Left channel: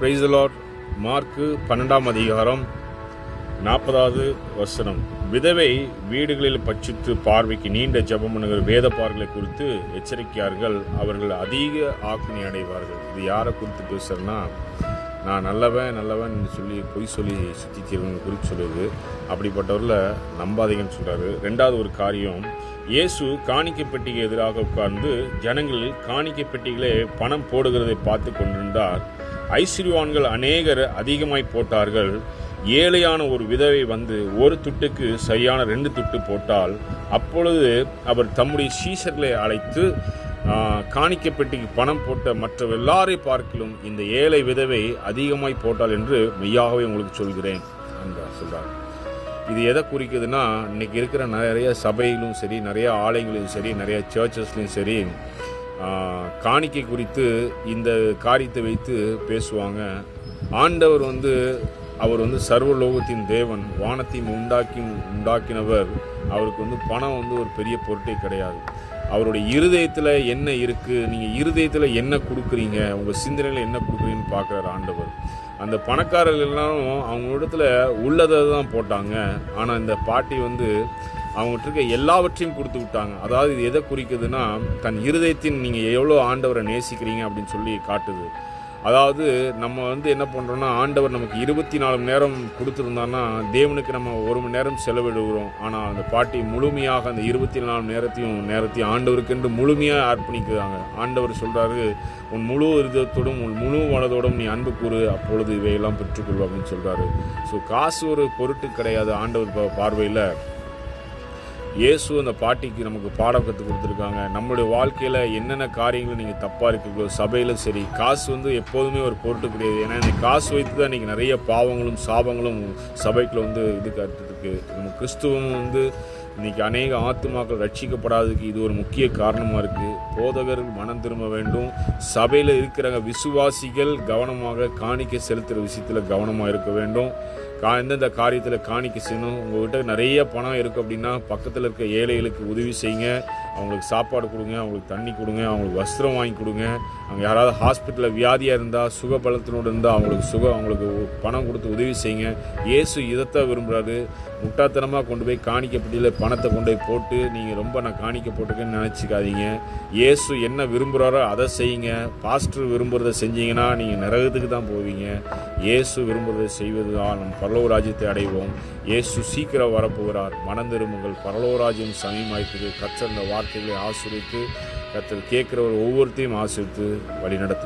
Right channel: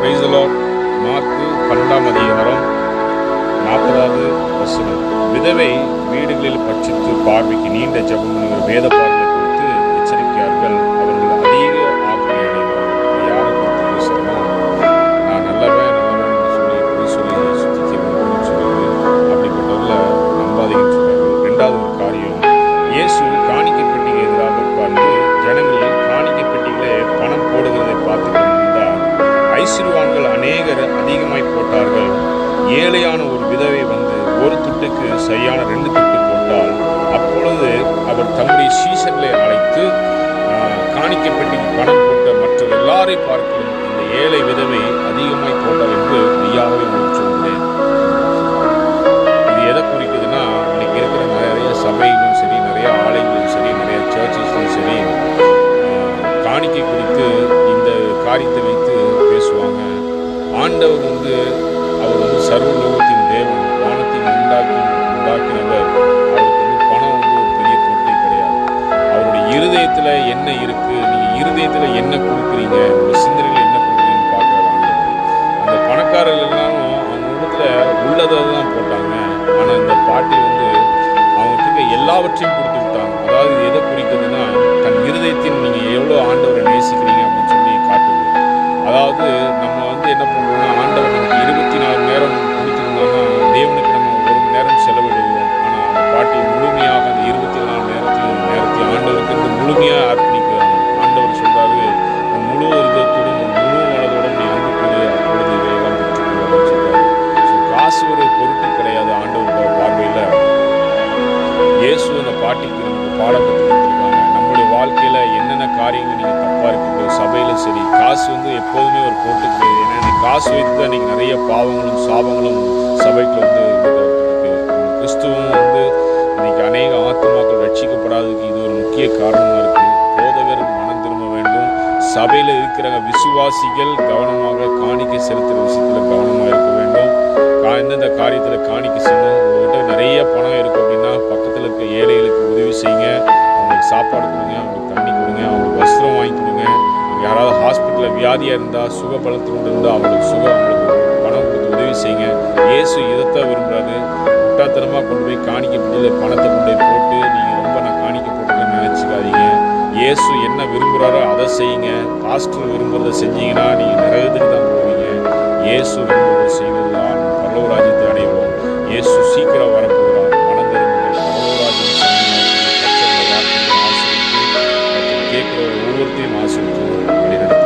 Praise the Lord. Mark 12ஆம் அதிகாரம் 40வது வசனம். விதவை வீடுகளில் பட்சித்து பார்வைக்கு நீண்ட ஜெபம் பண்ணுகிற வேத பார்வைகளை குறித்து எச்சரிக்கையார்கள். அவர்கள் அதிக ஆக்கினை அடைவார்கள். இது யாரை குறித்து பேசுறதுன்னா, நான் நல்லவன் சொல்லி பொய் சொல்லி சுத்திக்கிறேன் சொல்லுது. அப்படிப்பட்டவர்கள நம்பாதீங்கன்னு சொல்றாரு. ரெண்டாவது ஒரு காரியம், இயேசு காணிக்கை பெட்டிக்கு எதிராக உட்கார்ந்து ஜனங்கள் காணிக்கை பெட்டிகளே பணம் போடுகிறதை பார்த்து கொண்டிருந்தார். ஐஸ்வர்யவான்கள் அநேகர் அதிகமாய் போட்டார்கள். ஏழையான ஒரு விதவை வந்து ஒரு துட்டுக்கு சரியான 2 துட்டு போட்டால், அப்பொழுது அவர் தம்முடைய சீஷர்களை அழைத்து, காணிக்கை பெட்டிக்கு பணம் போட்ட மற்ற எல்லாரை பார்க்கலும் இந்த ஏழை விதவை அதிகமாய் போட்டாள் என்று மெய்யாகவே உங்களுக்கு சொல்கிறேன். இது எதை குறிக்குதுன்னா, இன்னைக்கு இருக்கிற நிறைய சபையிலும் சரி, நிறைய ஆலயங்களிலும் சரி, நிறைய சர்ச்சஸ்லையும் சரி, காணிக்கை குறித்து இந்த காரியத்தை வைத்து பேசுவாங்க. ஆண்டவர் அவர் சர்வலோகத்தின் தேவன், வானத்தின் உண்டாக்கினவர். அவருக்கு பணம் ஒரு பெரிய பொருட்டே கிடையாது. அவருடைய இருதயத்தில் என்ன இருக்குது, நீங்கள் இருதயத்தில் என்ன கொடுக்குறீங்க, உங்கள் சிந்தனையில் என்ன கொடுக்குறீங்கன்னு பார்க்குறாரு ஆண்டவர். அந்த பணக்காரர்கள் எல்லாரும் அவங்க இடத்துல உள்ளதை தான் போட்டாங்க. ஆனால் இந்த பாட்டி அவங்ககிட்ட எல்லாவற்றையும் கொடுத்து விட்டாங்க. அதாவது இது எதை குறிக்குதுன்னா, தன் இருதயத்தின் நீங்கள் எவ்வளோ ஆண்டவரை நேசிக்கிறீங்க அப்படின்னு சொல்லி காட்டுது. அதாவது நம்ம என்ன பண்ணுறோம்னா, ஆண்டவர் நமக்கு 24 மணி நேரம் கொடுத்துருந்தோம்னா தேவனுக்கு நம்ம 1 மணி நேரம் செலவிடுகிறோம். ஆனால் அந்த பாட்டி முழுமையாக அந்த 24 நேரத்தையும் ஆண்டவருக்கு முழுமையாக அர்ப்பணிக்கிறாங்க. ஆண்டவர் சொல்கிறாரு, உன் முழு இருதயத்தோடும் உன் முழு மனதோடும் நீ அன்பு கொடு, அப்பொழுது இவையெல்லாம் பெற்றுக்கொள் அப்படின்னு சொல்கிறாரு. ஸோ காசு ஒரு பொருட்டு கிடையாது ஆண்டவர் பார்வையில். இயேசு அந்த பாட்டிக்கு நமக்கு பாடம் கற்றுக் கொடுத்துருக்காங்க. நம்மளுடைய வாழ்க்கையில் என்னென்ன காரியங்கள் நீங்கள் தப்பாக இருக்குதோ, சபையில் சரி, காசு எப்போதுமே ஒரு பொருட்டு கிடையாது. ஏன்னா இந்த காசு வைத்து தான் இன்றைக்கி நிறைய பாவங்களும் சாபங்களும் சபைக்குள்ள இருக்குது. கிறிஸ்துவும் இன்றைக்கி அநேக ஆத்துமாக்கள் ரட்சிக்கப்படாததுக்கு இது ஒரு முக்கிய காரணமாக இருக்குது. போதகர் மனம் திரும்ப வேண்டும். சபையில் இருக்கிற விசுவாசிகள் கவனமாக காணிக்கை செலுத்துகிற விஷயத்தில் கவனமாக இருக்க வேண்டும். எந்தெந்த காரியத்தில் காணிக்கை செய்யணும். உங்கள்கிட்ட நிறைய பணம் இருக்குது அப்படின்னா பக்கத்தில் இருக்க ஏழைகளுக்கு உதவி செய்யுங்க. அவங்களுக்கு சாப்பாடு கொடுங்க, அவங்களுக்கு தண்ணி கொடுங்க, அவங்களுக்கு வஸ்திரம் வாங்கி கொடுங்க. அவங்க யாராவது ஹாஸ்பிட்டலில் வியாதியாக இருந்தால், சுகபலத்தோடு இருந்தால் அவங்களுக்கு பணம் கொடுத்து உதவி செய்யுங்க. இயேசு இதைத்தான் விரும்புகிறாரு. முட்டாத்தனமாக கொண்டு போய் காணிக்கை பெட்டியில் பணத்தை கொண்டு போய் போட்டு நீங்கள் ரொம்ப நான் காணிக்கை போட்டுக்கன்னு நினச்சிக்காதீங்க. இயேசு என்ன விரும்புகிறாரோ அதை செய்யுங்க. பாஸ்டர் விரும்புகிறத செஞ்சீங்கன்னா நீங்கள் நரகத்துக்கு தான் போவீங்க. இயேசு விரும்புவதை செய்வது தான் பரலோக ராஜ்யத்தை அடைவோம். இயேசு சீக்கிரம் வரப்போகிறார். மனம் திரும்புங்கள். பரலோக ராஜ்யம் சமயமாய்க்கு பச்சை வார்த்தைகளை ஆசிரியத்து மற்றும் கேட்குற ஒவ்வொருத்தையும் ஆசிரியத்து வழி நடத்த